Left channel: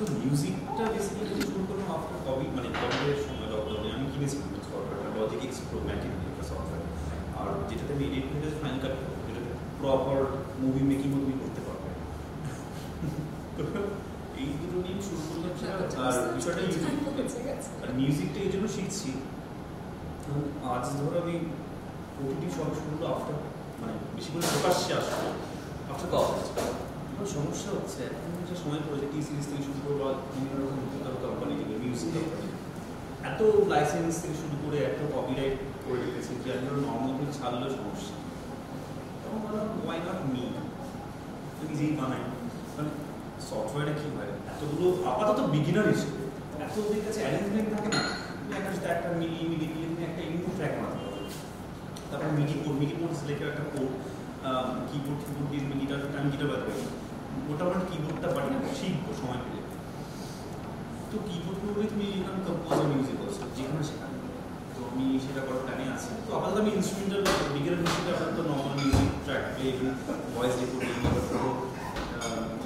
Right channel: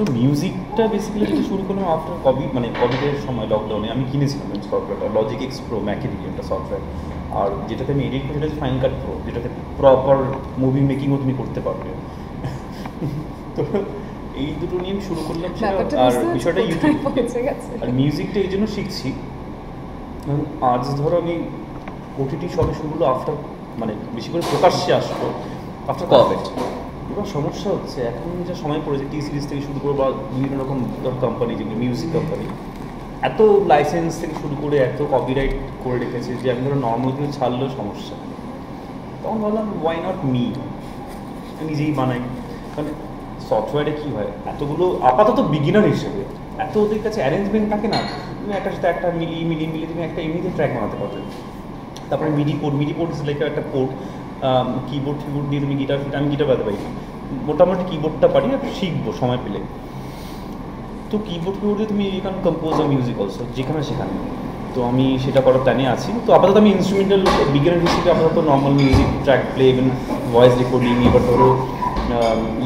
তো মিউজিকটা বেসিক্যালি শুরু করলাম আফটার কোভিড, মানে কোভিডের সময় লকডাউনে আমি কিনেছিলাম সফটওয়্যারটা, লজিক এক্স প্রো, ম্যাকের একটা সফটওয়্যার। আর যেটাতে আমি এডিট করি সেটা হচ্ছে ফাইন কাট প্রো, যেটাতে প্রপার মুভি মেকিংও তুমি করতে পারবে। তো এই দুটো নিয়ে আমি শুরু করলাম। আর বিষয়টা ইউটিউব আর মিউজিকটা এই জন্য শিখছি, আজ ধরো আমি ওটিটি সবে শুরু আফটার, মানে বেশি করে প্রকাশ্যে আসতো আফটার কোভিড। এবার সমস্যা হচ্ছে এখন যা সময় পড়েছে টি সিরিজ থেকে শুরু করে বা বিভিন্ন রকম কোম্পানি, যেগুলো মিউজিক কোম্পানি, এত লাইসেন্স থেকে শুরু করে এত কপিরাইট করে রেখেছে যে আমি ধরো নর্মাল দিয়ে ছাড়লেও সমস্যা। তখন ভাবলাম ওয়াই নট মি, নিজেই বানাই। মানে সফটওয়্যারে কী হয়, এতগুলো আপাতত বিগিনার হিসেবে এত ওদের কাছে অ্যারেঞ্জমেন্ট থাকে না, তুমি একটার সাথে একটা মিলিয়ে তুমি একটা এমনিতে ট্র্যাক বানাতে পারবে। তারপরে মিডি পোর্ট ইস লাইক একটা পোর্ট, কিবোর্ড দিয়ে তুমি গিটার, আমি গিটার বাজাতে পারি, মোটামুটি কিবোর্ডটা পারি, আর শিখবো সময় পেলে। তো কিবোর্ড দিয়ে তুমি এখানে কম্পোজ আর মিউজিক অলসো যেখানে সেখানে, তো আমি সেটা করার প্ল্যানে আছি। তো আপাতত আমি ইনস্ট্রুমেন্টাল বিগিনার হিসেবে আপাতত normal music track play, even voice recording. এবার ধরো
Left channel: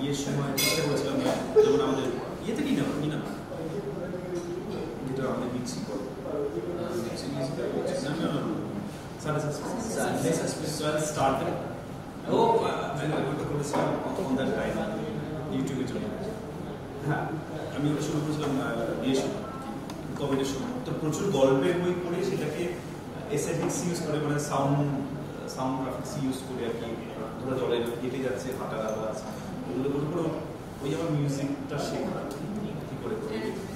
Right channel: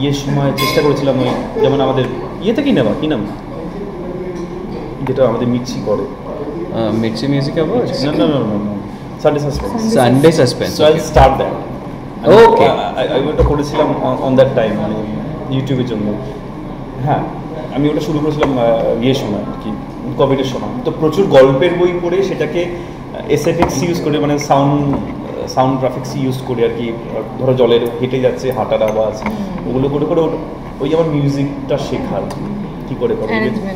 ইয়ের সময় চেষ্টা করেছিলাম ওই যেমন আমাদের ইয়েতে কি নাম যেটা আমাদের মির্চি করে, মির্চি মিউজিক আবার না Sunday suspense. So I will start that. Okay, আমি ওটা করেছিলাম অন দ্যাট টাইম, মানে ইউটিউবের জন্য। হ্যাঁ, আমি ওটা শুরু করেছিলাম ইয়ের সময় আর কি, কোভিডের সময়। তো প্রচুর গল্পের বই পড়ে সেটাকে এসএফএক্স ইউজ করে, মানে সাউন্ড গ্রাফিক্স ইউজ করে আর কি। ধরো জলের হেঁটে যাচ্ছে, হাঁটার আওয়াজ, ওগুলো করে করে ওই আমার মিউজিকটা শেখার কী করে করে,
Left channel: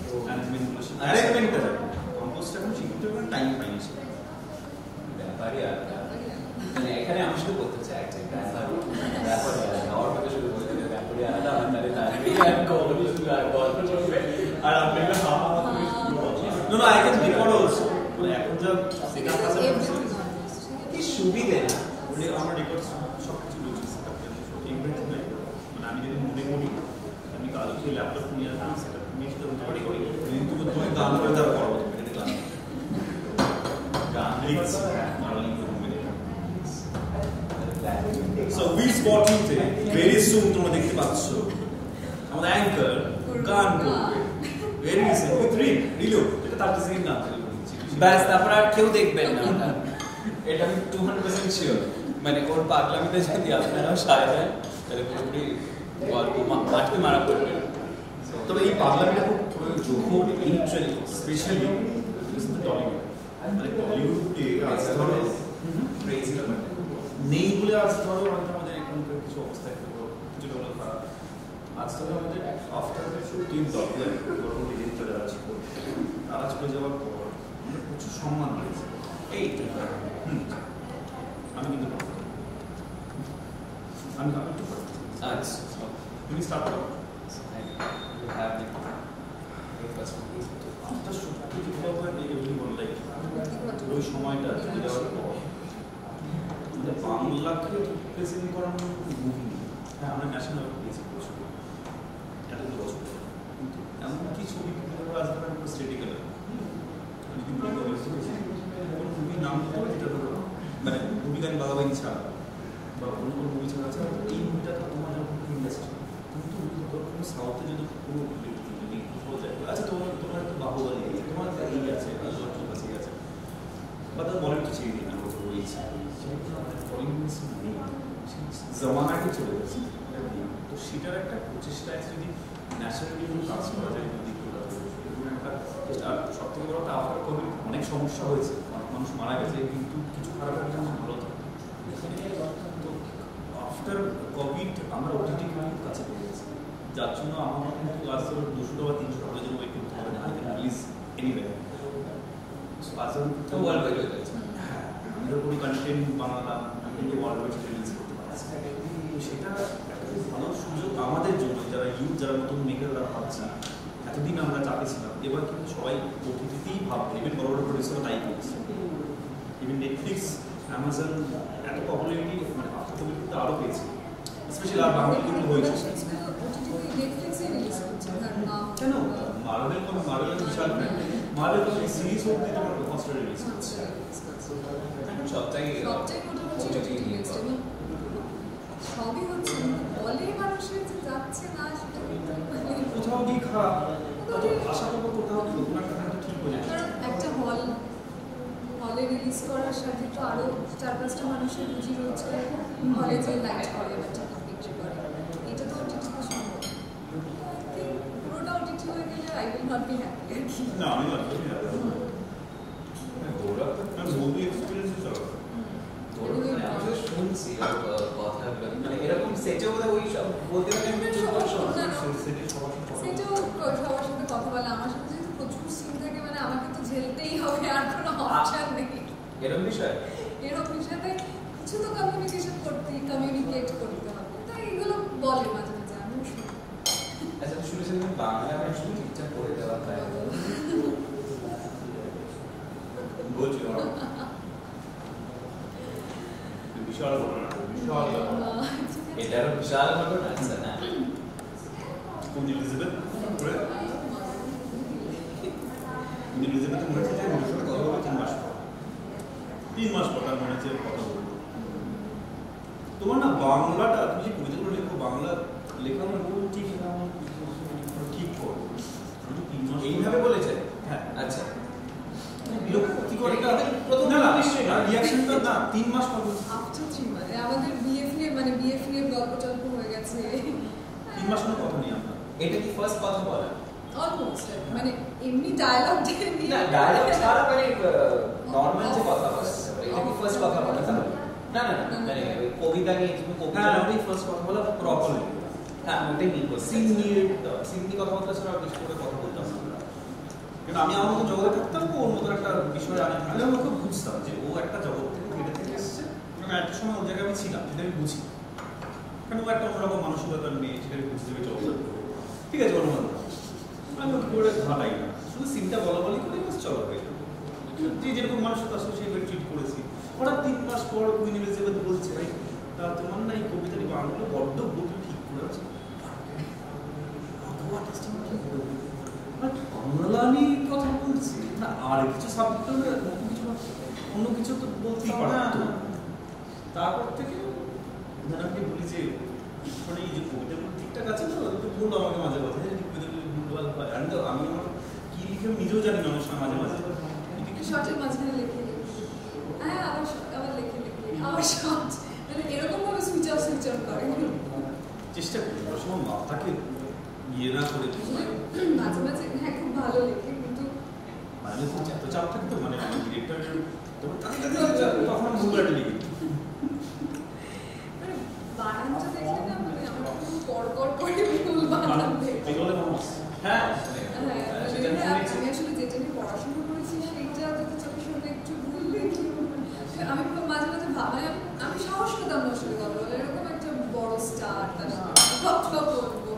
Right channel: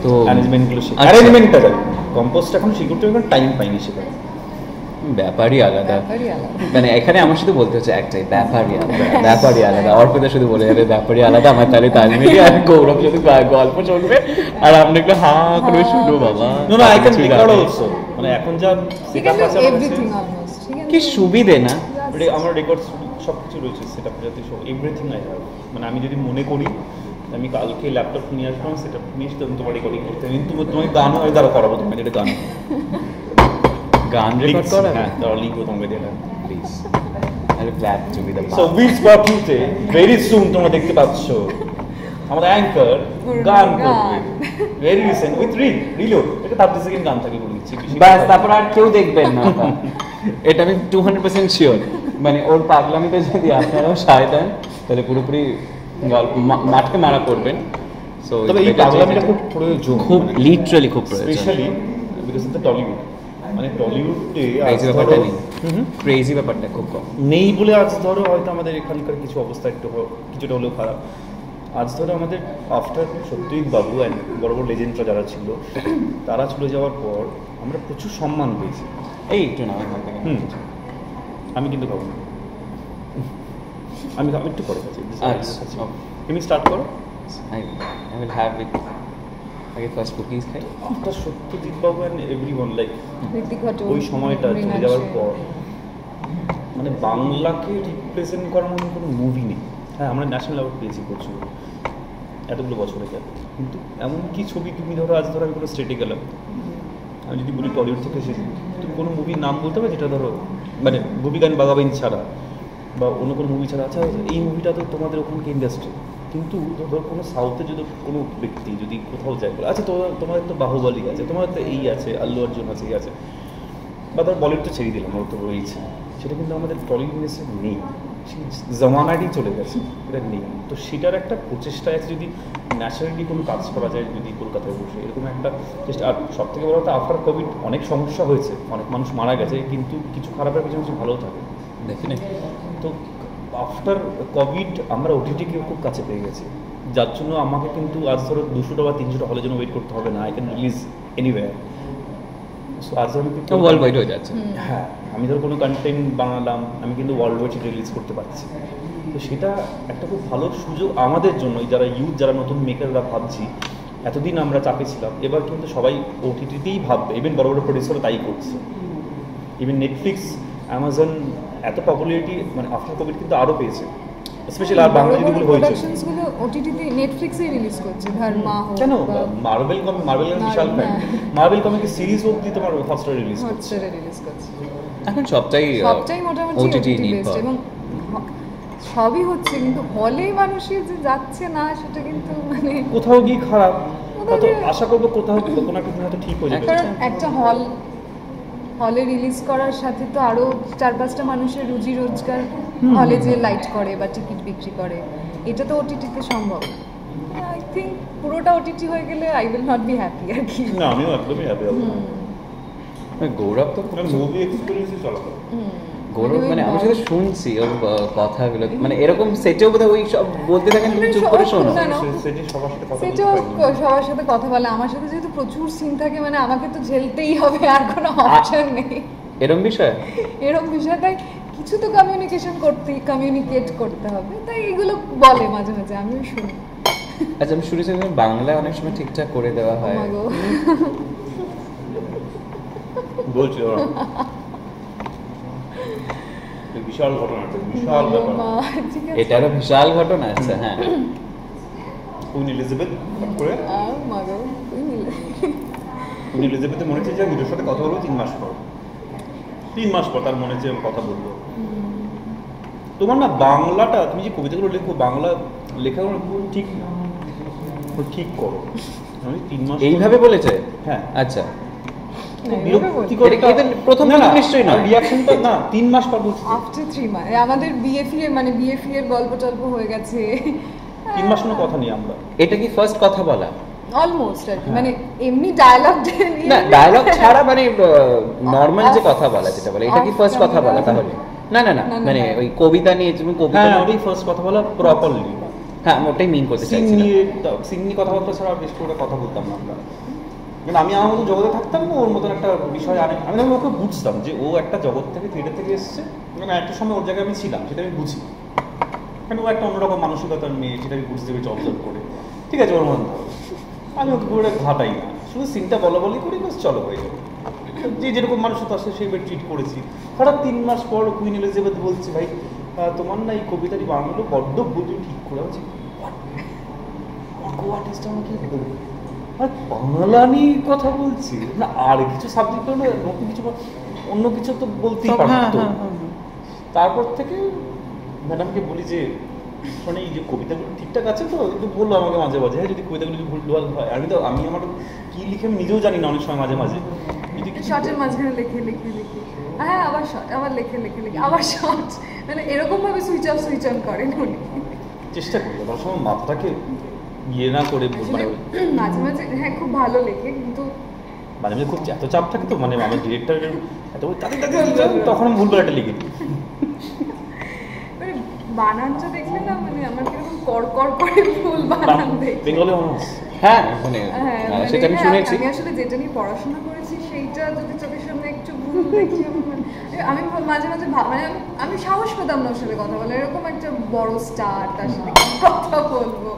তো অ্যারেঞ্জমেন্টগুলো শেখা, অ্যারেঞ্জমেন্টটা যাই কম্পোজটা এখন শিখতে এখন টাইম পাইনি সেটা। ব্যাপারই আলাদা, মানে এখানে আমার শুধু বলতে হচ্ছে একটাই, ব্যাপারই আলাদা। অর্পিতা শুধু বলে যাবে ব্যাপারই আলাদা, আমার তাহলে তালমিলি আর গৌরব শুধু গল্প চলবে আর আমরা একটু হা করে শুনবো। বাবা আই ক্যান রেকর্ড অলসো, মানে এখন যা সেটআপ আছে কি সুবিধে না, আমার রেকর্ড সব কিছু রয়েছে, সেটআপ যাতে সব এভরিথিং নাই। মানে আমি যদি মনে করি আমি কালকে ল্যাপটপ নিয়ে আসলাম, সেটআপ নিয়ে এসে তোমার রেকর্ডিং করতে, কিন্তু তোমাকে গান হয় দ্বারা করাবো, তুমি এটা গান রেকর্ড করা। হ্যাঁ, তাহলে লিখো তোমাকে দিলাম please. I will glad to be the so will spot ইউতে ভেরি সুন তোমরা দেখতে পাচ্ছ আমাদের অ্যাঙ্কার গান করবে ভেরি রিসেন্ট উইথ রিলো। এটা 30 সেকেন্ড গান থাকে বলে দিচ্ছি, বাস, তারপর আর কেউ দেখবেন না। এটা আমি 200% শিওর। মানে ওর পাগলামিতে যদি আপনারাও সায় দেন তাহলে পুরোপুরি গল্প মাঠকে মারা করবেন। সো তবে এই পাগলামিটা খুব প্রয়োজন, খুব লিটারালি খুব প্রয়োজন, specially because of the Tollywood. মানে টলিউডে ক্রেজি ব্যাপারটা খুব কম নেই বলে আজ ধরো হয়তো আমাদের এখানকার কিছু অবস্থা কিছুটা হলেও খারাপ। আজ ধরো আমাদের আফটার সত্যজিৎ বাবু অ্যান্ড বড় বড় লেজেন্ডরা যারা ছিল তারা চলে যাওয়ার পর আমরা প্রচুর সম্মান পেয়েছি। এই একটু না আমি কিন্তু খাবো, আমি একটু পরে খাচ্ছি। আচ্ছা, তুমি স্টার্ট করো। I will have it. আগে ফার্স্ট কুকিজ খাই। After Satyajit Babu and everyone, like ওই সময়টা চলে যাওয়ার পর মানে বাংলাকে রিপ্রেজেন্ট করার মতো কোনো মুভি নেই। হ্যাঁ, আমরা ন্যাশনাল অ্যাওয়ার্ড পেয়েছি প্রচুর এতগুলো বছরে পর, কিন্তু এমন কি ছবি তুমি ধরো আজ ধরো আমি কোনো স্টেটে গেলাম, আমি যদি বলি টলিউড থেকে এসেছি, তুমি কোনো মুভির নাম বলতে হবে যেটা ধরো মানে ভূমি গান বাগাবাইন ছাড়া বা অন্য কোনো মুভি ছাড়া, আচ্ছা এই মুভিটা তো তোমাদের ওখানকে ইন্ডাস্ট্রি। কিন্তু ধরো কোনো সাউথে যদি কোনো ব্যক্তি যদি কোথাও যায়, আচ্ছা তোমাদের তো বাহুবলী আছে, তোমাদের তো এই আছে, আল্লু অর্জুন আছে, আছে, বা ধর বলিউড তো ছেড়ে দিলাম, ওর তো রয়েছে, সেটা কিন্তু আমাদের টলিউড ইন্ডাস্ট্রি নেই, জমানাটি চলে গেছে, এটা নেই। তো সেটার একটা প্রচেষ্টা আছে, যদি ন্যাচারালি কোনো কাজ করা যায়, যদি কলকাতায় বসে এরকম একটা চেষ্টা। আর সব থেকে বড় কথা আফটার কোভিড অনেক সমস্যা হয়েছে, অনেক মানুষ মারা গেছে, কিন্তু কিছু খারাপের কিছু মানুষ ভালো থাকে ডেফিনেটলি। তো আফটার কোভিড আমরা ওটিটিকে খুব কাছে পেয়ে গেছি, যার জন্য আমাকে কিন্তু আজ ধরো 200টা বা 300টা হলের জন্য ওয়েট করতে হবে না, I can release anywhere. So আজ ধরো ওয়ার্ল্ড ওয়াইড হয়ে যাচ্ছে। হ্যাঁ, আমি ধরো কোনো কন্টেন্ট বানালাম, আমি কিন্তু ওয়ার্ল্ড ওয়াইড সেটা রিলিজ করতে পারছি। তো সেটা একটা খুব ভালো সুযোগ আমাদের জন্য, যারা ইউথ, যারা নতুন মেকাররা ভাবছি। এতদিন আমরা চাপে ছিলাম, এবার কিন্তু সবাই ওটিটিতেই ভাববে, ইভেন বড় বড় প্রডিউসাররা তাই করছে। ইভেন নেটফ্লিক্স, অ্যামাজন এত পপুলারিটি মানে আফটার কোভিড কিন্তু আরও পেয়েছে, স্পেশালি আর বাংলা যেগুলো হয়েছে ওটিটিতে নেটফ্লিক্সে রিলিজ করছে। কেন মার্বেল বিশাল ফ্যান, মার্বেল কমিকের সিরিজ অবধি তোমার হটস্টারে রিলিজ করছে। এখন সবটাই মোটামুটি ওটিটি নির্ভর। এবং সবই হচ্ছে কিন্তু হলে মানুষের যে যাচ্ছে না সেটা কিন্তু মানে কোথাও গিয়ে খারাপ, হয়তো গিয়ে- আশা করবো কোথাও কোনো একটা হয়তো ঠিক হয়ে যাবে। কারণ একটা হলে রিলিজ করার সাথে তো আরো 4-5টা মানুষের রুজি রোজগার হলে যে লাইট করে বা টিকিট বিক্রি করে, এটা তো ওটিটিতে সম্ভব। আই থিঙ্ক পুরোটা ওটিটি হয়ে গেলে I will not be happy আর কি। না আমিও একদমই হ্যাপি হব না। গৌরব তো মুভি এক্সপেরিয়েন্সই চলাটা। গৌরব মানে আমি শুধু শুনছি ওর কথাগুলো, মানে এরকম সেটেও বোধহয় ওই সব বলতে থাকেন, তুমি চুপ করে শোনো। না, না। সেটি সবার সাথে কথা সেটাও বলতে পারি না। সবার সাথে কথা বলে, আমার সাথে যেহেতু প্রচুর সিন থাকে মানে আমাকে তো ঝেলতেই হবে, আর কোনো অপশন নেই। এরকম বিষয় এরকম বিষয়টাই কিছু তো কমিউনিকেট করতে হবে, তাই এগুলো বলে মাঝে মাঝে, আমিও শুনি। আচ্ছা আমি শুনেছি বাংলা অনেক সময় ঠিকঠাক করে দেওয়া হয়। Oh my God. বলছি ওরা। বিশাল ঘটনাটা, বিশাল ব্যাপার। মা, ঠিক আছে। এটা একটা বিশাল ঘটনা। আচ্ছা হ্যাঁ, কুইন এলিজাবেথ করে মা গো, কুইন এলিজাবেথের মনে হচ্ছে যে হিরোর সাথে কথা বলবো 3 মাস পর। 3 মাস পর তার মনে হচ্ছে কথা বলবো। তোমার না বাংলাটা, তুমি যে কবিতাগুলো লেখো বাংলা লেখাগুলো খুব ঠিক ঠিক করো। আমি 3 মাস এইভাবে বলেছে। হ্যাঁ আচ্ছা বিরক্তিকর এটা- এটা প্রথম না, না, নিশ্চয়ই নয়। রিঅ্যাকশনটা না 3 মাস পর বলছি। আফটার 3 মাস আমাদের বিএফি এর গল্প টল্প হয়ে গেছে। 3 মাস কোনো কথা নেই আমরা। এটা কি ফার্স্ট কথা বলা? অলমোস্ট আর কি, মানে এমনি ডায়ালগ না ডায়লগ ছাড়া মানে নর্মাল যে কথা বলা যেটা বলে, এটা কি ফার্স্ট কথা বলা তাহলে? না না না না, না, মানে না। ওই কবিতা নিয়ে তুমি কবিতা হ্যাঁ ওটাই ফার্স্ট কথা বলা প্রপারলি। হ্যাঁ আমি ওটাই মিন করতে সিন চাইছিলাম। নিয়ে কথাবার্তা ছাড়া বেশি করে কথা বলতাম না আমরা। মানে আমি আমার মতো জগতে থাকতাম না, ওর মতন একটা বিষয় আমি ওকে বুঝতাম যে ও একটা জগৎ থেকে থেকে এসেছে, মানে একটা সময় ওর জায়গায় আমি ছিলাম, সেটা আমি বুঝি। কারণ ও একটা অন্যরকম মানসিকতার মেয়ে, সেটা আমি বুঝতে পেরেছি অবজার্ভ করে। ঠিক আছে ওর মতো আমি ওকে করে ঘাটাই না, শুধু সিনটা বলি করি বাস চলো হয়ে যাবে। যে যেরকম মানুষের তার সাথে সেইভাবে ট্রিট করেছি। হঠাৎ 3 মাস পর কুইন এলিজাবেথ বলছে ভাই তোমার না এই কবিতাটি বানানো বড্ড ভুল, তুমি ঠিক করে আছি। আর্টিস্ট আমাকে বাংলা নিয়ে কথা বলছি না, আর কিছু সাবজেক্ট হলে নতুন কিছু অন্য কিছু তো বলতেই পারতো। তারপর থেকে ম্যাডামকে বলি যে মানে এই যে কবিতাগুলো ঠিকঠাক আছে তো, কিন্তু বললো আমাকে মাঝে মাঝে হ্যাঁ যদি কবিতাগুলো ভুল হয়। আমি আমার কি লিখে আমি নিজেও জানি না অনেক সময় মাঝে মাঝে। শর্টের মাঝখানে লেখে হ্যাঁ আবার শর্ট, আবার লেখে আবার শর্ট, মানে এরকম ভাবে সুইচ অন করেন উনি। চেষ্টা করি সব সময় মাথাটাকে ইয়ে না করে মানে মাঝে মাঝে হ্যাঁ খুব ভালো লেখে, কিন্তু মাঝে মাঝে খুব এত চাপ থাকে তো, মানে আমার ডিরেক্টরের এত তখন ভুল করে একটা লিখে দিই। মানে বানানটা দেখলে না মানে আমার কিরকম কড়কড় করে ভুল বানান দেখে। বেঙ্গলি মানুষ হ্যাঁ শুনে হ্যাঁ, মানে সেটা আমি হ্যাঁ, শুনেছি। আমি আসলে যেটা নিয়ে পড়াশোনা করেছি সেইটা যদি চোখের সামনে একটু ভুল দেখি আমি মাঝে মাঝে মানে আমি সাহস পেতাম না ওর সাথে কথা বলে, এরকম একটা বড় স্টার তার সাথে কথা বলবো।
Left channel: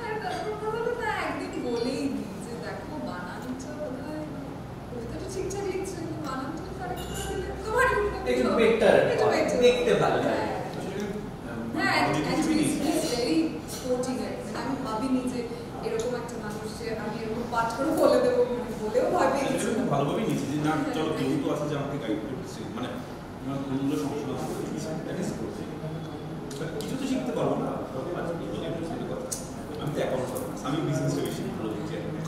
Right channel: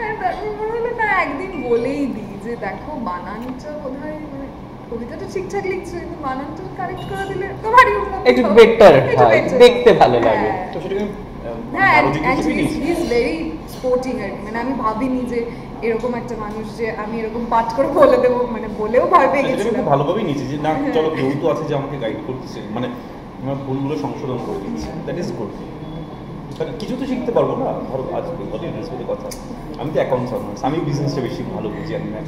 আর তারপর মনে হলো না একদিন বলেই দিই যে দেখো বানানটা বোধহয় মানে কবিতাটা ঠিকঠাক লিখছে, কিন্তু বানানটা কারেক্ট করে দিলে তোমারই একটু বেটার হয়, দেখতে ভালো লাগে। তো সেটাকে হ্যাঁ, আরো জিজ্ঞেস করি he's very sporting আর কি, মানে আমি ভাবিনি যে এরকম একটা মানুষ যে আমি এরকম পাঠ করে বলে দেবো, মানে বলেও ভয় পেয়ে সেটাকে গেছিলাম। খুব ভালোভাবেই নিয়েছি যে না চলো কেউ তো আছে যে আমাকে গাইড করছে, মানে আমার ভুলগুলো সংশোধন করে দিচ্ছে, দ্যাট ইজ গুড। কারণ কিছু তো শিখতে পারবো না, ধরো আজ অডিয়েন্স কথা আমি তো অ্যাকাউন্টস অনার্স, আমি বিজনেসটা বেশি ভালো বুঝি আমি না।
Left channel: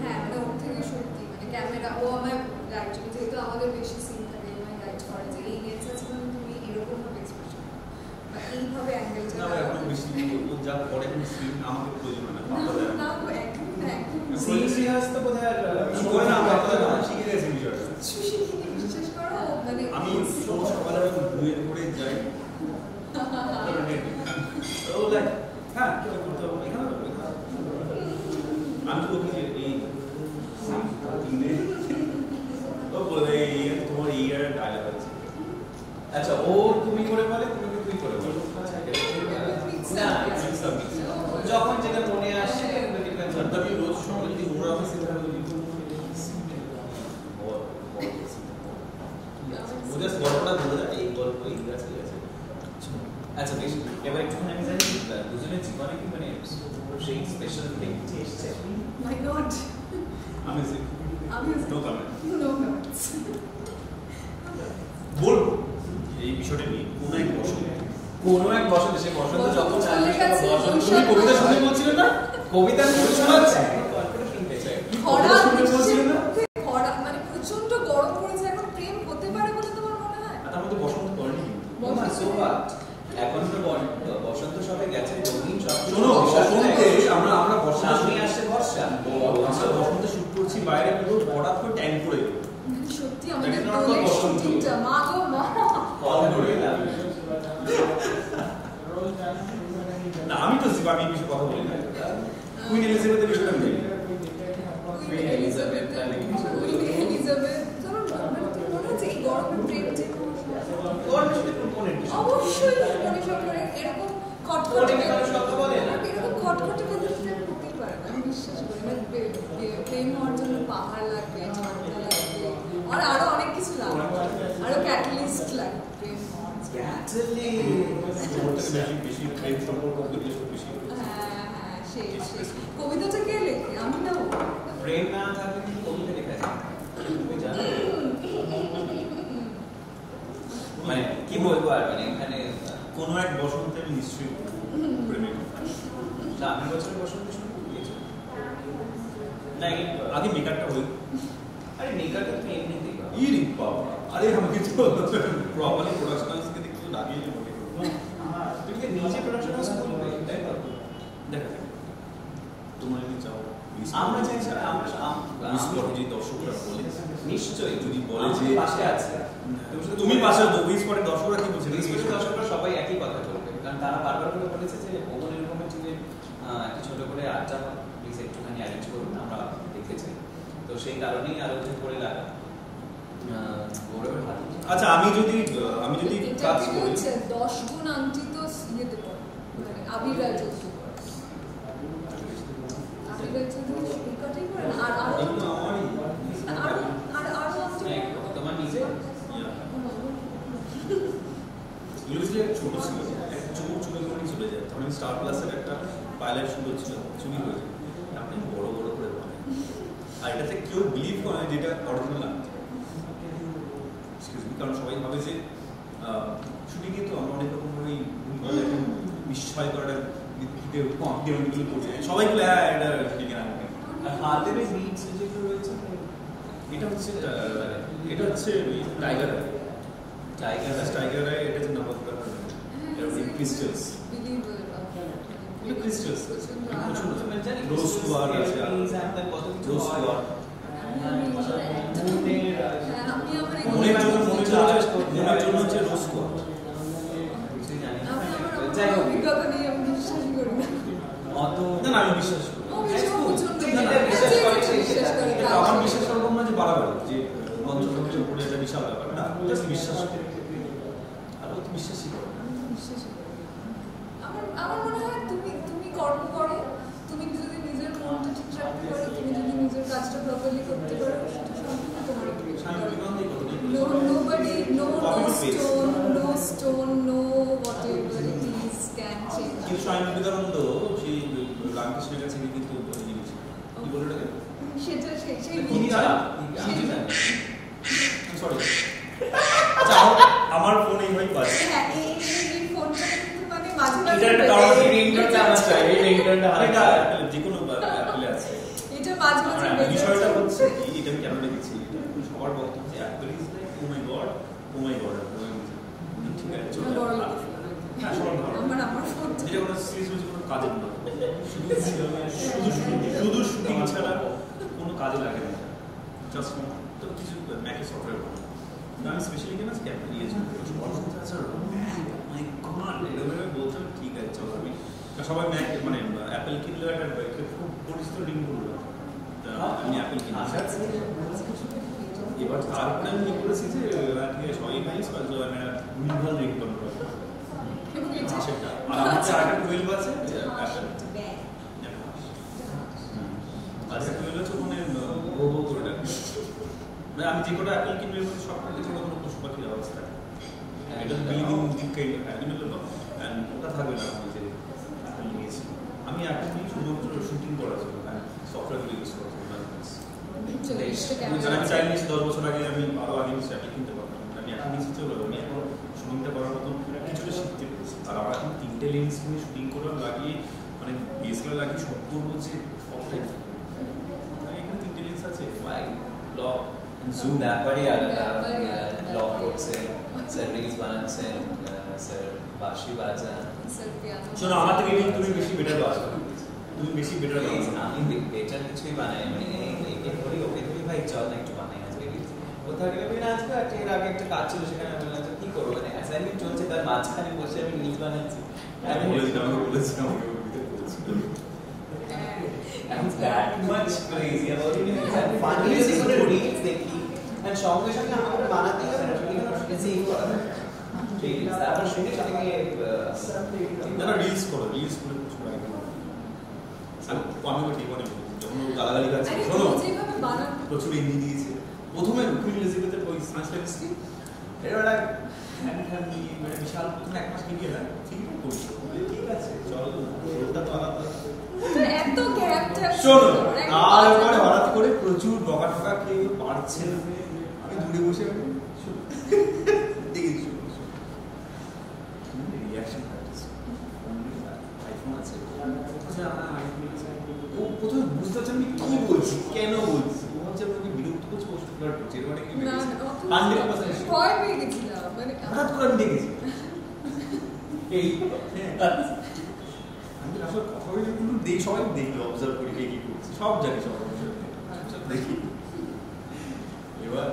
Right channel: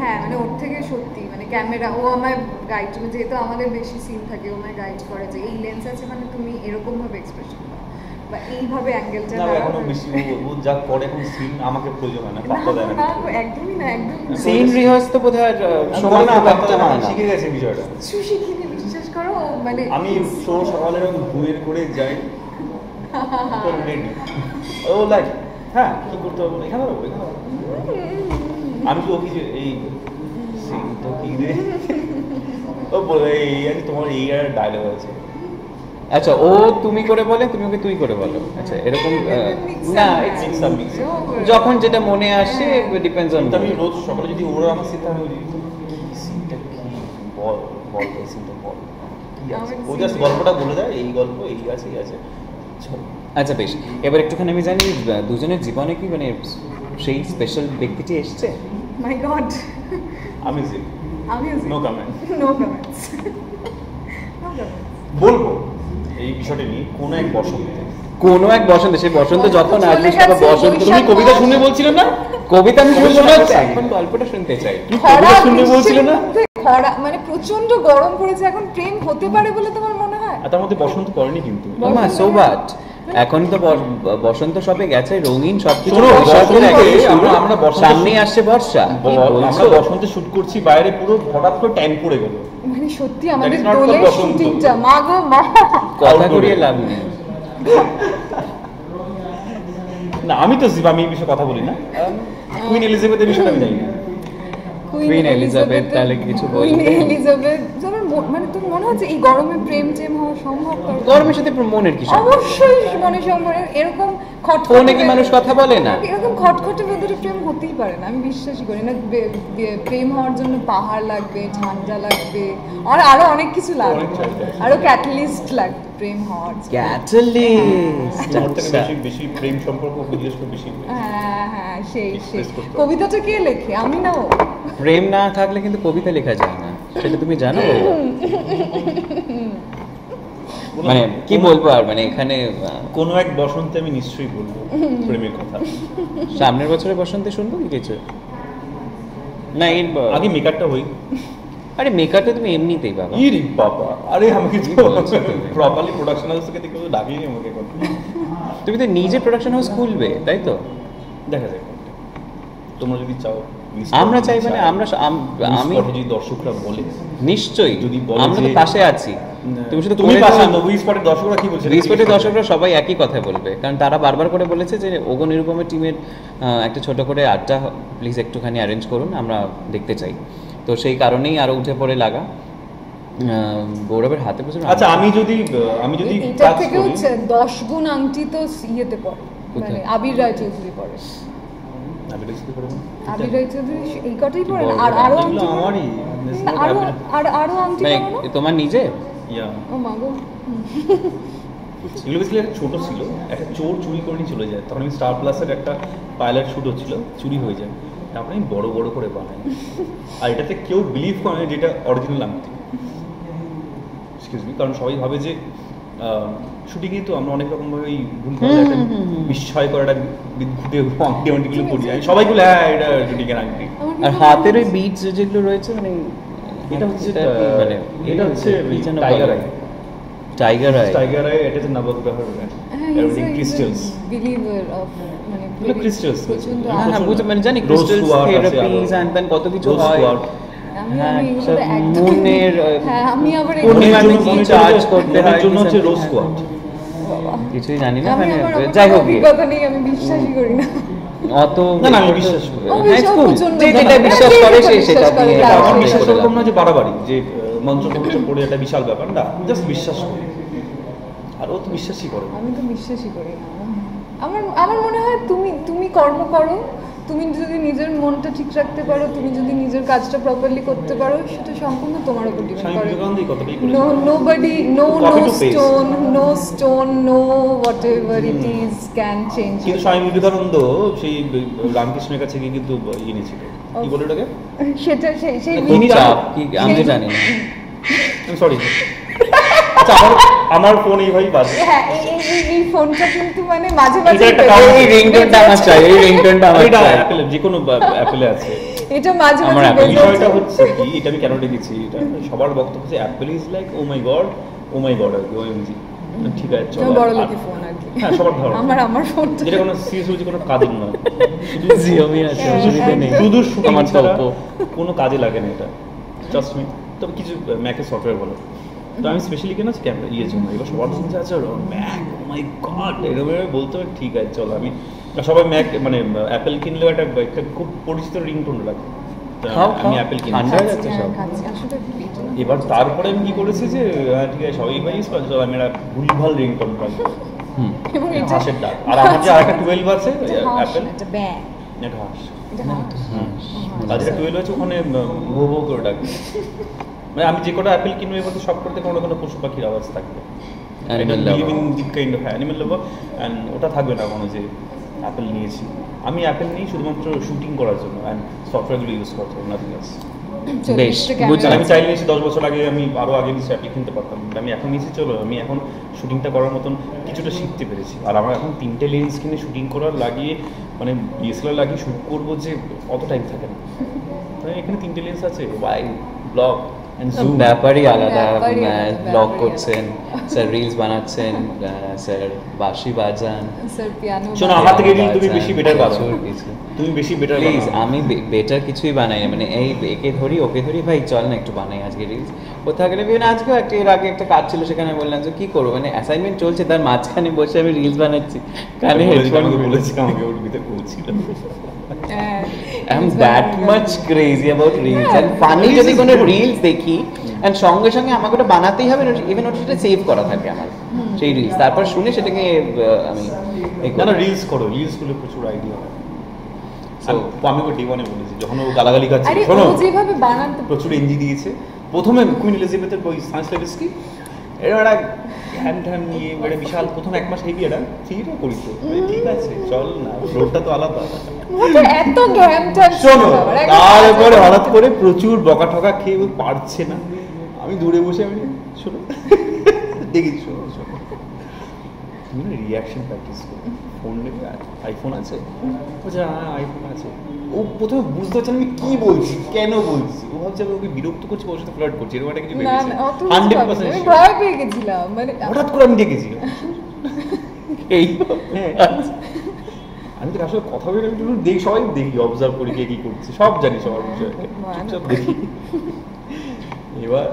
হ্যাঁ মানে ওর থেকে সত্যি মানে ক্যামেরা ও আমায় গাইড, যেহেতু আমাদের বেশি সিন থাকে ও আমায় গাইড করে যে এই লেন্স আছে মানে তুমি এরকম ভাবে এক্সপ্রেশন দাও বা এইভাবে অ্যাঙ্গেলটা না এখনো বেশি ও যা করে এখন সিন আমাকে প্রয়োজন হয় না, পাত্তা দেয় না। একদমই না, একদম সিন রিহার্স তো বোধহয় সময় না থাকতে হয় না। শিখে গেছে বিষয়টা। শিখিনি বিশ্বাস করো মানে আমি সকালে বইয়ের করে যাই ও লাইক হ্যাঁ কি করতে হবে এখানে আমি তো ওকে এই ও বলে এই তোমার এই আর ডায়লগ আছে। আচ্ছা ও তুমি করে বলে, তুমি ওকে তুই করে বলো। আচ্ছা এরকম না যখন যেটা মনে আসে ডিপেন্ডস অন। আমি রোজ সকালে যদি ওরা আমার সিনটা আমি সিনটা কি বল বল সিনটা বল কি আছে ও জাস্ট গল্পটা বলে যায় এই গল্প এই আছে এই আছে। আচ্ছা বেশ, এবার একটুখানি আমি জানি দুজনের জীবনে কি মানে সেই স্পেশাল ব্যক্তিটি এসছে? মাই গড আমি নো কমেন্ট নো কমেন্টস বলবো এই বিষয়টা নিয়ে কোন এক বসন্তে কোনো এক বসন্ত, সেই বসন্ত যখন চলে আসবে গেছে, বসন্ত। তুমি কবিতা শুনে বলছিলে না? কবিতা আমি কবিতা শুনতে শোনাচ্ছি। এখন গল্পটা শুনতে চাই। খরা শুনতে বলছিলে না? খরা মানে প্রচন্ড গরম পড়েছে, এখন প্রেম হতে পারে বলে তোমার মনে হয়? আর তার মধ্যে বসন্ত পড়েনি কিন্তু। মা সো বাট এখন তো বসন্ত সবে গেছে, রঙিন সবকিছু শোনো, বসন্তে আমরা বসন্ত সামনেই আসছে বর্ষা। আমরা বসন্তে শুট করছি, বাইরে পুরো হঠাৎ করে ট্যান পড়ে গেল। মানে সত্যি আমাদের That is not the দোলের বসন্ত। শুটিংটা মা গো মা। কথা করিয়ে লাভ নেই। না আমি তো আমি এই বিষয়ে কথা বলি না। কুইন এলিজাবেথের বিষয়ে আমি জানি না। কুইন এলিজাবেথ তাহলে কিছু বলবে? কুইন এলিজাবেথ তোমার মানে তুমি মনে হচ্ছে এই গরমে প্রেম টেম হওয়া সম্ভব? গরমের সাথে মনের কি সম্পর্ক? অবশ্যই মনে সম্পর্কে এরকম ফোনে কি মানুষ কথা বলে না? এরকম খটখটে ভেতরে প্রেম হতেই পারে না, আমি বিশ্বাসই করি না। প্রেম হওয়ার জন্য পাহাড় লাগবে, ঝান্ডা লাগবে, আর আরো অনেক কিছু লাগবে, আরো ক্যাটালিস্ট লাগবে প্রেম হওয়ার জন্য। ক্যাটালিস্ট। আমার থেকে বেশি প্রেম সম্পর্ক বিশেষ করে বেশি। হ্যাঁ হ্যাঁ সেই সেই Express করতে হবে। কবিতাটা কে লেখে? আমি না ও? প্রেম না থাকলে কিন্তু কবিতা লেখা যায় না, সেটা তুমি জানো? মানে কি বলবো আর, মানে এখানে কোনো এক বসন্তে আমি নিশ্চয়ই বলবো প্রেমের কথা। সামনের বছরের বসন্তে শুনবো কি কিছু? না এই আগে মেকআপটা হই। আরে মেকআপটা তুমি এমনিতেই বাবা। ইরে বাবা, আরে আমাকে প্রপারলি প্রোডাকশন হাউস থেকে দেখে ডাকিনি আমাকে কথা। তুমি তো নিজে প্রোডাকশন হাউস খুলবে, তাই তো? দেখা যাক, তোমরা যদি চাও। আমরা চাই মানে আমরা আমি যদি দর্শকরা বলে নিশ্চয়ই, যদি বলে আমরা তো যে- পাশে আছি। তুমি শুধু তুমি করে পাশে দাও। নবী স্পটের দর্শকরা কি বলছে? রিসপেক্টের দর্শকরা সবাই একই কথা বলবে, কারণ তারা বারবার করে বলেছে যে ওগো নিরুপমের টিমের একটা ছোট করে আড্ডা প্লিজ একটুখানি অ্যারেঞ্জ করুন, আমরা দেখতে চাই। তো সেই কারণেই আরো উঠে পড়ে লাগা। গৌরবের হাতে প্রচুর আচ্ছা আমি যদি এটা কাজ থেকে করি, হচ্ছে 10 গুণ আংটি তো ইয়েতে পড়ে, মানে কোথায়? আবির রায় চৌধুরী পড়ে। আমি দেখতে পারবো না। আবির রায় চৌধুরী এই কটাই পড়ে না? বড় আর আরো এগুলো আংটি পড়ে? আমারই। না, আরো আংটি মানে পড়ে না? তোমার নিজে Yeah. ও মা গো। এগুলো বেসিক্যালি একটা ছোট ছিল, একটা চোর চুরি করে নিয়ে চলে যায়। তখন আমি স্টার প্লাসের একটা পাইলট শুট হচ্ছিল, চুরি হয়ে যায়। তারপরে আমি বড় বড় করে বানাই, আর এটাতে কেউ বিলিভ করে না যে এটা অরিজিনাল আংটি। এক্সকিউজ মি, কারণ সবাই ভাবে যে শুটিংয়ে তো আমরা অনেক রকমভাবে এই ভুলভাল একটা বিস্ময়কর একটা আংটিগুলো করি। সবাই বলে হ্যাঁ এটা শুটিংয়ের আংটি। আর হাতের ওই বিটস যেগুলো রয়েছে, মানে এটা হচ্ছে মানে এটা হচ্ছে tiger I. Tiger I. Tiger I, এটা হচ্ছে নবগ্রহের ক্রিস্টালস। বিলিভার অফ মানে এগুলো crystals, প্রচন্ড হ্যাঁ হ্যাঁ বুঝতে মানে জানি Rose ক্রিস্টাল quartz আছে থেরাপিজ আরো। এন্ড দেন কত কিছু Rose হয়। quartz। হ্যাঁ, এগুলো একদম মুনের হ্যাঁ আমি আবার পূর্ণিমার এগুলো- কি চার্জ করতে হয় জন্য হচ্ছে রোজ কোয়ার্ট। কিছুই জানি না, আমি মানে আমার যাই হোক গিয়ে। অভিজ্ঞতা নেই, আমি বিশ্বাসই করি না। অত না, না, আমি বিশ্বাস করি। ও হ্যাঁ, বিশ্বাস cool। প্রচন্ড যে যেটা করে। বিশ্বাস যে করে যেটা সে বিশ্বাস সেটা করে, দিয়ে তার আমার উপরে বিশ্বাস করে এরকম দাও। না যে বাড়াবাড়ি যে মন্ত্র মন্ত্র পড়ে একটা বিশাল ব্যাপার না, জাস্ট বিশ্বাস করি। আর ও তো বিশ্বাসই করে না। আমি তো বিশ্বাসই করি না। আমার আমার মনে হয় তুমি কর্ম করো, তুমি যদি নিজের মনটা ঠিক রাখতে পারো, তুমি যদি নিজের কাজটা প্রপারলি করতে পারো, সেটা সম্পূর্ণ তোমার উপর ডিপেন্ড স্বামী করে। বিবেকানন্দই কথাটাই বলেছে। Nobody, no Copy to paste. stone, no whatever it is can change কিন্তু you. স্বামী বিবেকানন্দ সেই রামকৃষ্ণের কাছে গিয়ে কিন্তু ইয়ে নিয়েছিল, কি বলে ওটাকে? সেটা সেই কোন চাপ কি আমি তো জানি না। সরি। আচ্ছা আমার ফোন এইভাবেই বাজে। হ্যাঁ এই ফোনটা কিন্তু মানে মাঝে এটা মাঝে একটা কারণ। এই রিংটোনটা আমার চাই, এই রিংটোনটা আমার এটা চাই। অ্যাপেলে যে কোনো অ্যাপেলে আছে। এটা মাঝে আমার মাঝে Apple বেজে বিষয়টা ওঠে। হচ্ছে কি, এটা আমি কেন রেখেছি, এটা সবার বক্তব্য যে Apple is like oh my god আর কি ওএমজি। ঠিক আছে চলো। তোমার বড় লোকের ফোন আর কি। হ্যাঁ সবার ধরো। আমার ফোনটা যেটা কোনো সিরিয়াসলি কোনো কাজের নয়, জিওমি আছে অসুবিধা নেই। শুধু শুটিং আমার ছাড়া Oppo। কোনো কাজে লাগে না এটা, জাস্ট মি। তবে কিছু ম্যাকের সফটওয়্যার বলো, তো আমি স্পেশালি কেন ক্যামেরা ইয়ের জন্য, এবার সবার শুনছে আছে ম্যাক ও মাই গড এরকম বলতে হবে, ঠিক আছে চলো। আমি সবাই ম্যাক মানে অ্যাপেল কিনলেও একটা খুব পরিচিত রিংটোন রাখি, আমি অ্যাপেল কিনি। ঠান্ডা হয়ে যাচ্ছে সব। আসলে এবার তারপরে আমি কি করেছি যে ঠিক আছে সবাই ইউজ করে, চলো আমি একটা ভুলভাল রিংটোন রাখবো, এবং এটা হাঁসের ডাক। আর আমার যে আরেকটা 12 আছে অ্যাপেল, এটা ব্যাগ এটা হাঁস। এটা আর যেটা 12 আছে ওখানে ভো ভো করে ডাকবে। মানে আমি যে কটা অ্যাপেল কিনবো এর মধ্যে সব করতে কোনো কোনো পশু পাখির আওয়াজ থাকবে। Animal lover। Kind of animal lover, and ওটা থাকবে না কোনো যে অ্যাপেল নিয়েছি। আমি অ্যাপেল নিই শুধুমাত্র শুটিং করার জন্য অ্যান্ড সফটওয়্যারগুলো ইউজ করার জন্য, নাথিং এলস। বেশ, 40টা বুঝলাম। আমি চাইলে নিশ্চয়ই 10 বছর আগে আমি আরো আগে নিশ্চয়ই অ্যাপ্লিক কিনতে পারতাম, কিন্তু আমি এখন নিশ্চয়ই চলো আমি এখন শুটিংটা করার মতন কিছুটা শিখতে পেরেছি। আর আমার এখন 3টে লেন্স কিনে শুটিং করার লাগিয়ে মানে ডিএসএলআর লাগিয়ে শ্যুট করবো যে অত টাইম থাকে না। তাই এখানে 3টে লেন্স আছে, ওয়াইড, ব্লগ এন্ড জুম। ব্যাপারই আলাদা, ব্যাপারই আলাদা, ব্লগ ব্যাপারই করছেন, স্যার রিলস বানাচ্ছেন, স্যার বাঁশি বাজান। স্যার পিয়ানো শোনো, আমার থেকে কিন্তু তুমি বেশি better পারো। প্রচুর কিছু। তুমি বেশি বেটার প্লিজ, আমি বেটার কিছুই বানাই না। মানে এই একে ধরি ওকে ধরি, ভাই চল না একটু বানাই আজকে রিলস। কোথাও গেলে বিভিন্ন আজকেও একটা এর আগে একটা কাজ ছিল, সেখানে বললাম যে কি করবো, মানে অ্যাসাইনমেন্ট চলছে তার মাঝখানে বসে আমি রিলস বানাচ্ছি, কানে হেডফোন বলেছি আমাকে ওর ভিতরে বলছিল। I'm that much crazy about reels and funny যদি কোনো reels দেখি and সঙ্গে সঙ্গে আমাকে ওটা বানাতেই হবে, ইভেন ওটা সেভ করা থাকে আমার সেই রিলস, তারপর শুনে সেটাকে আমি না না রিলস করো, রিলস গুলো প্রচুর আইডিয়া। আমি ওকে D1 বলেছি যখন ও গালাগালি করছে, আরে শোনো ও যেভাবে বানাতে প্রচুর এনজি দিয়েছে। প্রথমে কুইন এলিজাবেথের বই সায়েন্স লেভিসকি এর একটা হ্যান ঠ্যান নিয়ে একটা বিশাল প্রথম 1 মাস হেভি এটা ঠিকই করিস, ঠিক আছে চল না, রোডটা তো আলাদা। ওটা এত ঘ্যামটা শোনো তারপরে হঠাৎ করে প্রচুর বকা ঠকা খেয়ে ও পারছে না, আমি দূরে বসে আমি শোনো দেখি শোনো শোনো তুমি রিয়াকশন প্র্যাকটিস করো। ফোন নেবে, আইফোন আছে? বলছে হ্যাঁ আইফোন আছে। ও প্রথমে বুঝতে পারছে না আমি কি বলছি, কেন বলছি। ও ভাবছে আমি ওকে বিরক্ত করছি, ওর সাথে ফ্লার্ট করছি, এরকম একটা কিছু না ভেবেছে। না অত 100% আমি ভয় পেয়ে গেছিলাম, মানে হঠাৎ করে আমি দেখেছি এই হ্যাঁ আমি তো আসলে কথা বলে একটু দেখি, সবাই দেখি, অবজার্ভ করি কে কি করছে, সব জানি সবার বিষয়ে, চুপচাপ দেখি। এবার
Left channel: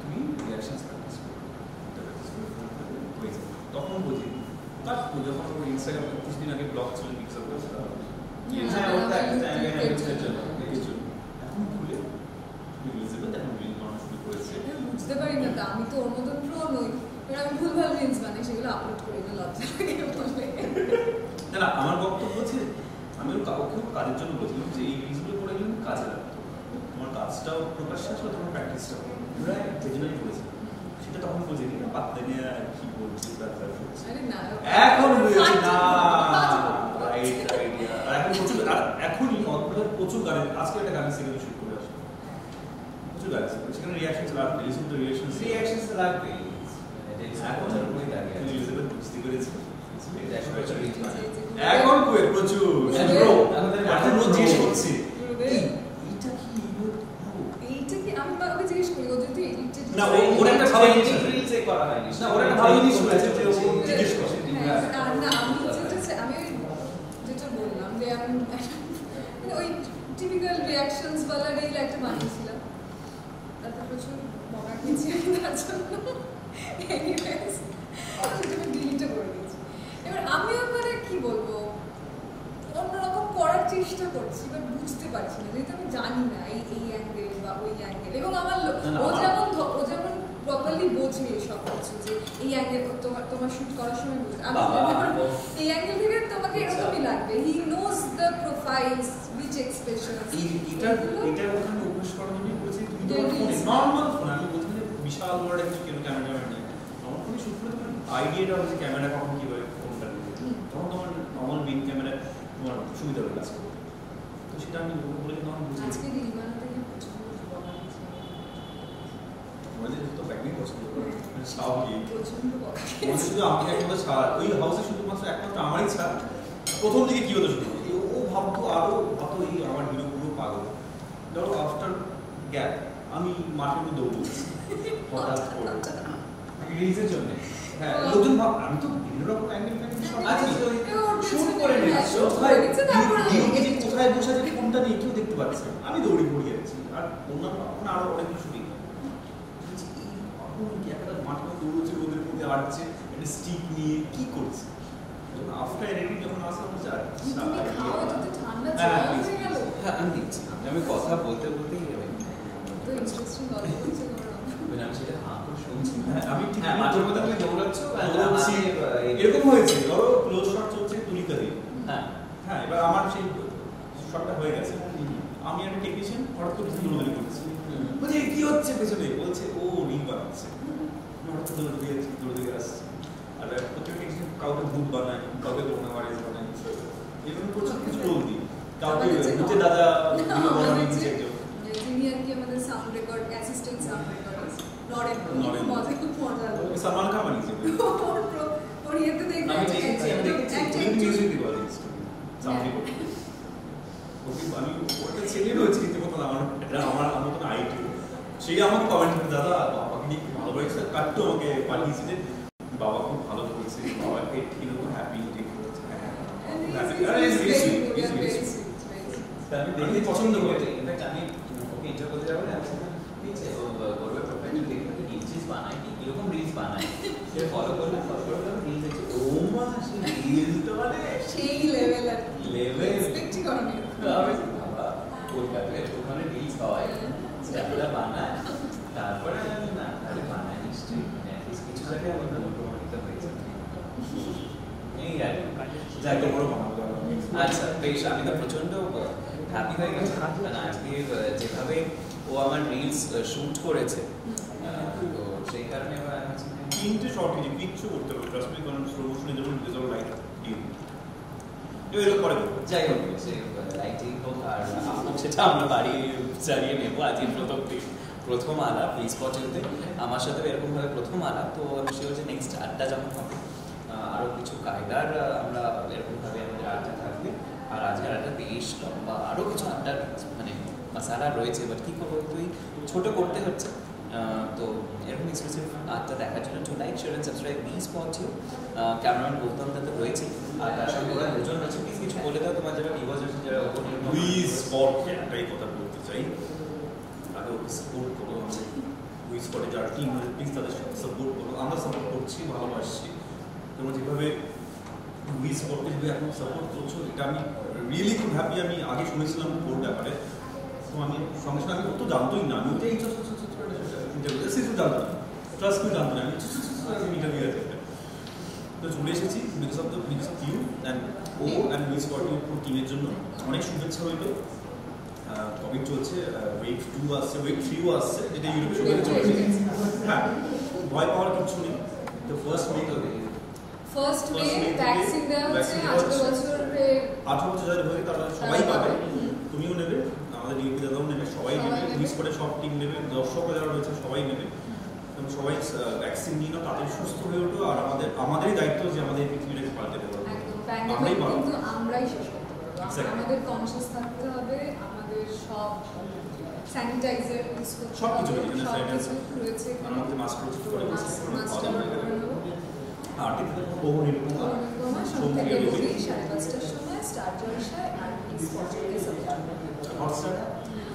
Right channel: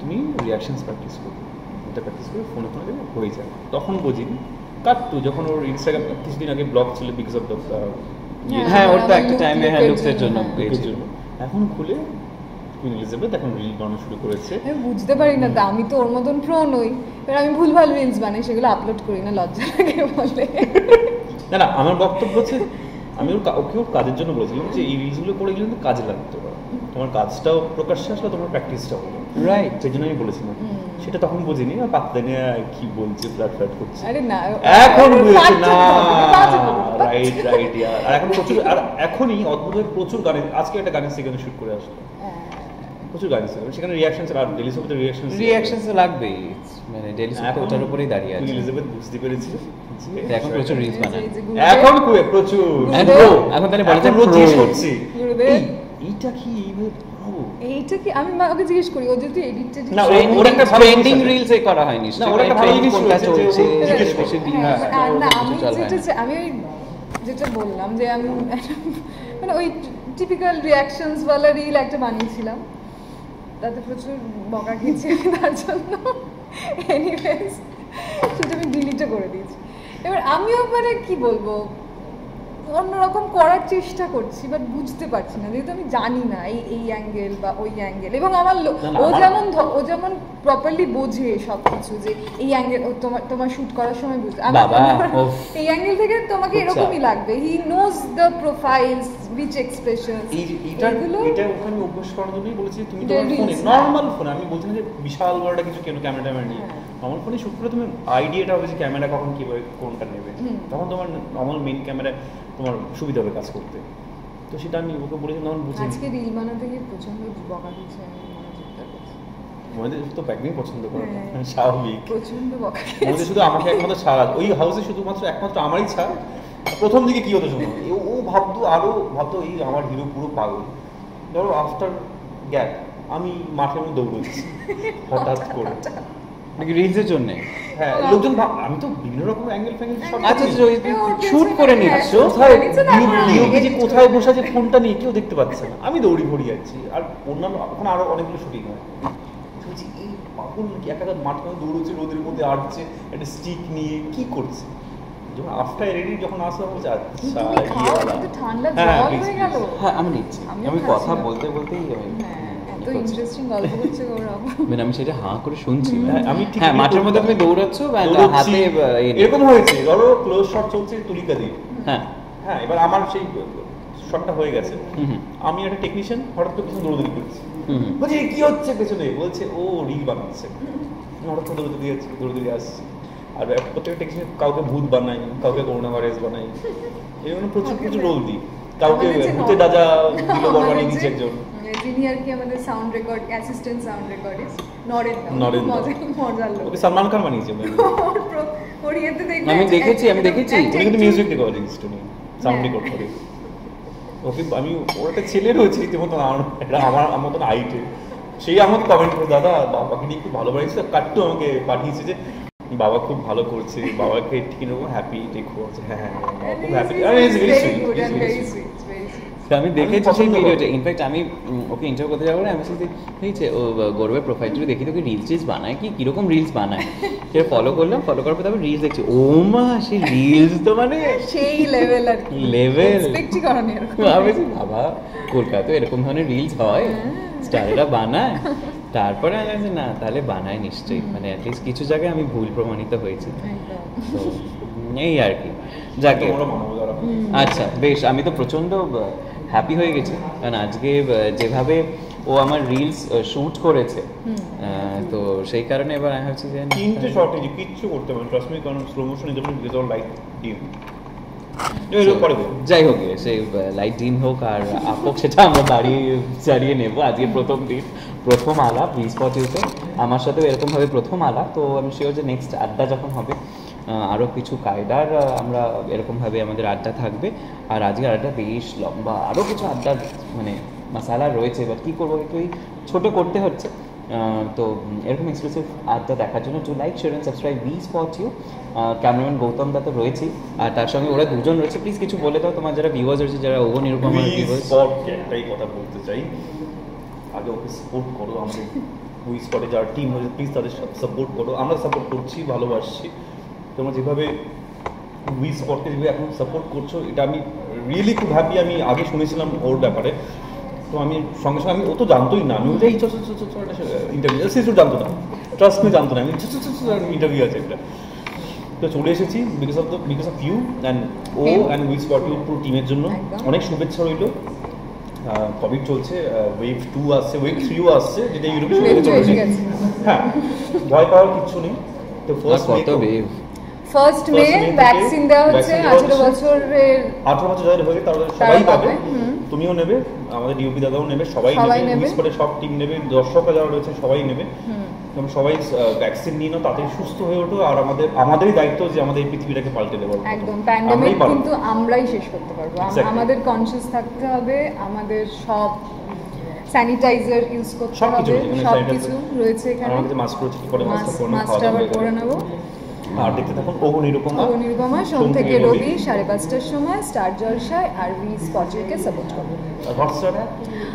তুমি রিয়াকশনস প্র্যাকটিস করো, এটা প্র্যাকটিস করে ফোনে ফোনে হয়ে যায়। তখন বুঝি কাটতো যখন ওর ইনস্টাগ্রাম কিছুদিন আগে ব্লক ছিল বিকজ অফ দ্য হ্যাঁ ওর তো একটা টাইমে হ্যাঁ লুকসের জন্য পেয়েছিল। এখন খুলে কুইন এলিজাবেথ এখন রিল বানানো শুরু করেছে। আমি বুঝতে পারি না, তা আমি তো ওর মতন প্রো নই, এবার আমি ভুলভাল রিলস বানাই, সেগুলো আপলোড করি না, লজ্জা লাগে বলে। না না আমার বক্তব্য হচ্ছে আমি ওকেও কাজের জন্য বলেছিলাম যে এই রিলসগুলো করে গেলে কিন্তু কাজে লাগতো, তোমার কাজটাও প্রকাশ্যে আসলো, তোমার প্র্যাকটিসটাও রাইট, সেই জন্য আমি বলেছিলাম। সেটা তখন বুঝিনি, না পাত্তা নিয়ে কি বলছে ফ্ল্যাট করছে। আরে না এখন বুঝেছি না, না রাইট রাইট। আর এখন প্রচুর, আর এখনই অদ্ভুত প্রচুর গানে, আজকে একটা গানের সেকেন্ড শুট করে আসলো, প্রচুর গান ছিল সেখানে রিঅ্যাকশন আর ডেলি সোপতে রিঅ্যাকশন তো লাগবেই, মানে ডেলি সোপ ওটার উপরেই দাঁড়িয়ে আছে। এলিজাবেথ বুঝতে পেরেছে এখন প্রচুর রিলস বানায়, এখন প্রচুর এখন তাহলে বড় রোজ জিজ্ঞেস করছি এইটা কি, আমি ওকে জিজ্ঞেস করি ও যদি এডিটটা না ওর একটা ট্রেন্ডিং রিলসে করা হয়নি, না ওর একটা ভালো জিনিস হয়েছে যে ও জিজ্ঞেস না করছে। আমি যেটা বললাম যে আমি মানে ওই টিপিক্যাল রিঅ্যাকশনস ওয়ালা রিল একটা বানিয়েছিলাম, তাতে প্রচুর বকা খেয়েছি আমি তার জন্য। এনিওয়েজ সেটা আমি ডিলিটও করে দিয়েছি। এবার আমিও মানে কি বলবো অন্যরকম করার চেষ্টা করছি, বাট বুঝতে পারছি না, যেহেতু আমি জানি না এই অ্যাঙ্গেল বা ওই অ্যাঙ্গেল, এবং আমার ও যেমন প্রপারলি বোঝে সব কিছু, যে এই অ্যাঙ্গেল তোমার শুট করার সময় বুঝতে এই অ্যাঙ্গেল থেকে তোমাকে এরকমই লাগবে, he knows the profiles which expressions. এটা ওখানে অভ্যাস করার জন্যই বলেছি তুমি তোমার ফোনে নরমাল ফোন, আমি বলছি যে বিশাল বড় কিছু কেন ক্যামেরা নিয়ে নরমাল ফোনে শুট করে তুমি আইডিয়াটা হবে যে ক্যামেরা কখন কিভাবে কোনটা নেবে, তখন তোমার নরমাল মেইন ক্যামেরা তোমার সুবিধা হবে কাজ করতে। তো সেটা আমি ওকে বলেছি তখন বুঝি। আজকে রিল বানাতে গিয়ে প্রচন্ড বকা দিয়েছে, আমাদের তো প্যাকিং পছন্দ করে স্বাভাবিক, প্রচন্ড বকা আমাদের শুধু আমাকে একমাত্র ছাড়া ওই হাউসে শুধুমাত্র একমাত্র আমারই ছাড়। প্রথম দিকে কি হতো শুনো, ও ভাবতো এই আমার হিরো পুরো পাগল। ধরো আফটার গ্যাপ আমি মাঠের মধ্যে দৌড়চ্ছি হঠাৎ করে রিলসের জন্য, হ্যাঁ লোকজন আমি তো বিভিন্ন রকম অ্যাঙ্গেল সব আচ্ছা শুট করে নিচ্ছ, কোথায় বসে আছে ফোনটা নিয়ে কেউ দেখতে পাচ্ছে না, আমি দৌড়ি পড়ি যাচ্ছি। আর অন্যান্য ওখানে আরো অনেকগুলো শুটিং হয়, এই পাগল নাকি একাধার মাঠে দৌড়চ্ছে রোদের মধ্যে আটছে একটা স্টিক নিয়ে কি করছে। যখন আফটার এডিটিং যখন আসে বলছে আচ্ছা ঠান্ডা জল হয়ে গেল। হ্যাঁ আমি নিচ্ছি, আমি কথা বলতে বলতেই মানে আমি সেটা হাঁ করে শুনছি। আমি হ্যাঁ মাঠের মধ্যে তুমি দৌড়াচ্ছ হাতে এরকম হয়েছে, ধরো ক্লোজ শট চলছে তুলিকা দিয়ে, হ্যাঁ হ্যাঁ এবার আমার সেই শটটা হয়ে গেছে, আমি একটা টেকনিশিয়ান হঠাৎ করে পিছনে দৌড়াদৌড়ি করছি, বলছি কি হচ্ছে পেছনে, বলছে ও রিল বানাচ্ছে, হঠাৎ করে দৌড়াদৌড়ি আসছি। আর প্রত্যেকটা টেকনিশিয়ান কাউকে ভূত বানাই, কাউকে করোনা ভাইরাস বানাই, এরকম প্রচুর রোল দিই, কাউকে ভূতে দাদা দিল বানিয়ে দিচ্ছে একজন। যিনি আর কি আমাদের sound record assistant sound recordist Narendra Narendra. মজার লোক ওকে সালমান খান বানিয়েছে ওর ইয়েতে দেখবে আমি দেখেছি। উনি কিন্তু music recording student sound record করে ওকে আমি ওর একটা ছেলে রয়েছে রীতিমতো আমার মতন হাইটে সেই আমাকে কমেন্ট করে দাদা বাবাকে নিয়ে একটু ভালো বানিয়েছে কাট্টু আমাকে পাঠিয়েছে যে বাবা খুব ভালো করছে বাবাকে ঠিক এরকম হ্যাপি দেখো হ্যাঁ খুব হ্যাপি আমি দেখেছি সেই ভিডিওটা। ইনফ্যাক্ট আমি ওকে ইন্টারভিউ করতে যাবো না, আমি শুধু দেখছি ও গৌরবের প্রোফাইলটা দেখি তো রিলস টিলস বানায় কিরকম রিলস বানায়, সে ফলো করলাম, ফলো করার পর তারপর রিলস দেখছি। ও মা, সেই রিলস তো মানে সেই লেভেল আর লেভেল এক্সপেক্টই করনি এরকম। বাবা কলকাতায় এরকম ধরনের রিলস হয়, স্টাররা বানায়। তারপরে আমি না তাহলে বানায় নিশ্চয়ই, মানে অ্যাটলিস্ট কিছু জায়গায় আমি ভুল প্রমাণিত হয়েছি। তো এই আর কি, যাকে আচ্ছা বেশ। আমি তো প্রচণ্ড হ্যাপি হয়ে গেছি, কারণ আজকে যেভাবে ও আমার রিলস শুট করেছে, তো সেই কারণে এবার আমি ভাবছি যে 3টে শর্ট যে কিচ্ছু করতে পারবে ট্রাস্ট মি, কারণ slow motion is all light ডিম। যাই হোক, সেই লাইট ডিম হোক আর আপ হোক, সেটা আমরা বাড়ি চালিয়ে নেবো। আজকে প্রথম দিন, প্রথম আলাপ ভি স্পট ইউতে আমার সাথেও এরকমভাবে প্রথম আলাপ। তো আমি শিওর যে নেক্সট আড্ডা যখন হবে আরও কিছু কায়দার আমরা এরকমভাবে আমাদের আড্ডা থাকবে। আর আজকের আড্ডা বেশ লম্বা, আরও কিছু আড্ডার মানে মশালা রয়েছে, বাট কী করবো, একটু ছোটো করতে হচ্ছে। তো এরকম এক্সক্লুসিভ আড্ডা দেখার জন্য to like share and subscribe we spot you. Cameraman Gautam দা তো রয়েছেই, আর তার সঙ্গে ওরা দুজন রয়েছে। প্লিজ কিছু বলে দাও তোমার যারা ভিউয়ার্স রয়েছে, যারা ওগো নিরূপম একটাই কথা বলতে চাই, আগে ওকে সাপোর্ট করো, আমাদের উই স্পটে যারা টিম রয়েছে প্লিজ তাদের সাপোর্ট করো। আমরা সাপোর্ট করছি, ভালোবাসছি। তোমরা যেভাবে উই স্পটকে যেভাবে এখন সাপোর্ট করছো, এটা আমি রিয়েলি খুব হ্যাপি। আমি আগে শুনেছিলাম ওর ব্যাপারে, তো আমি সঙ্গে সঙ্গে আমি ও তো জানতোই না, আমি ওটাই ইন্টারভিউ সে তো জানতো না, ট্রাস্ট মি জানতো না, আমি ইন্টারভিউ আছে এটা। তো চলে এসেছি because of you and oh and we spot you পুরো টিমের জন্য। অনেক শুভেচ্ছা রইল। কমিক চলছে, ওয়েভ 2 আসছে, ওয়েভ 3ও আসছে, যেটা ইউরোপে শুরু হতে চলেছে। হ্যাঁ, ভয় পাওয়ার কিচ্ছু নেই। তো ফার্স্ট মে ভ্যাকসিন দেওয়া হচ্ছে 18 বছরের 18 বছর যাদের হয়ে তারা সবাই পাবে। তুমিও নেবে, আমাদের ডিউপি দাদাও নেবে, সবাই নেবে, স্পোর্টের সব টিম নেবে, দর্শকরা যারা রয়েছে সবাই নেবে। সবাই ভ্যাকসিন নিয়ে নাও, তাড়াতাড়ি সুস্থ হয়ে ওঠো। আর আমাদেরই দায়িত্ব যে আমাদের এই পৃথিবীটাকে পাল্টে দেবো। একদম, প্যান্ডেমিক কিন্তু আমরাই শেষ করতে পারবো। আমাদের কনসিয়াস থাকতে হবে, আমাদের সব স্যানিটাইজার ইউজ করতে হবে, সবকিছু রয়েছে এখানে। আমাদের মাস্ক করে মাস্কটা আবার পরে নেবো। আর দেখতে থাকুন ওহো নিরুপমা সোম থেকে রবি 5:30টার সময় স্টার জলসায়। আর ভি স্পটকে সাপোর্ট করুন।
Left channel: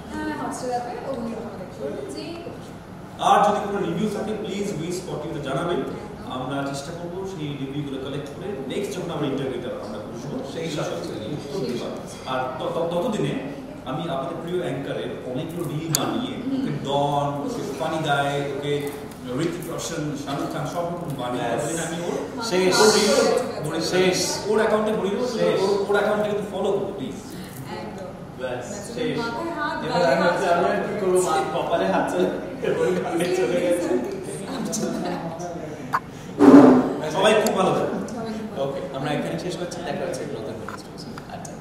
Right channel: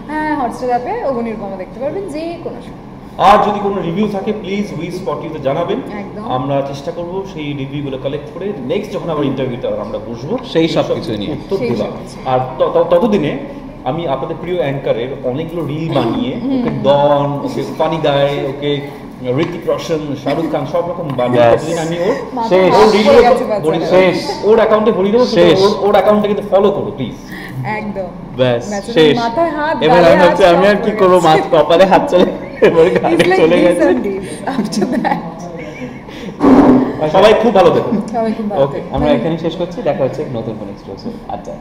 হ্যাঁ, হটস্টার অ্যাপে ওহো নিরুপমা দেখতে পারবেন যে কোনো সময়। আর যদি কোনো রিভিউ থাকে প্লিজ উই স্পট ইউতে জানাবেন। আমরা চেষ্টা করব সেই রিভিউগুলো কালেক্ট করে নেক্সট যখন আবার ইন্টারভিউতে আমরা বসবো সেই সব কিছু নিয়ে উত্তরগুলো। আর ততদিনে আমি আপনাদের প্রিয় অ্যাঙ্কারের অনেকগুলো রিল বানিয়ে ওকে ডন, ওকে ফানি গাই, ওকে ঋতিক রোশন, শাহরুখ খান সব রকম বানিয়ে আমি ওর অ্যাকাউন্টে ভরিয়ে দেবো। ওর অ্যাকাউন্টে কিন্তু ফলো করো প্লিজ। একদম ব্যাস শেষ। এবার আমি ভাবছি আমি আর কি করবো, মাথা কপালে হাত চলে চলে গেছে। সবাই খুব ভালো থাকুন। ওকে, আমরা এখানে শেষ করছি। দেখা হচ্ছে নতুন কোনো এক্সক্লুসিভ আড্ডা।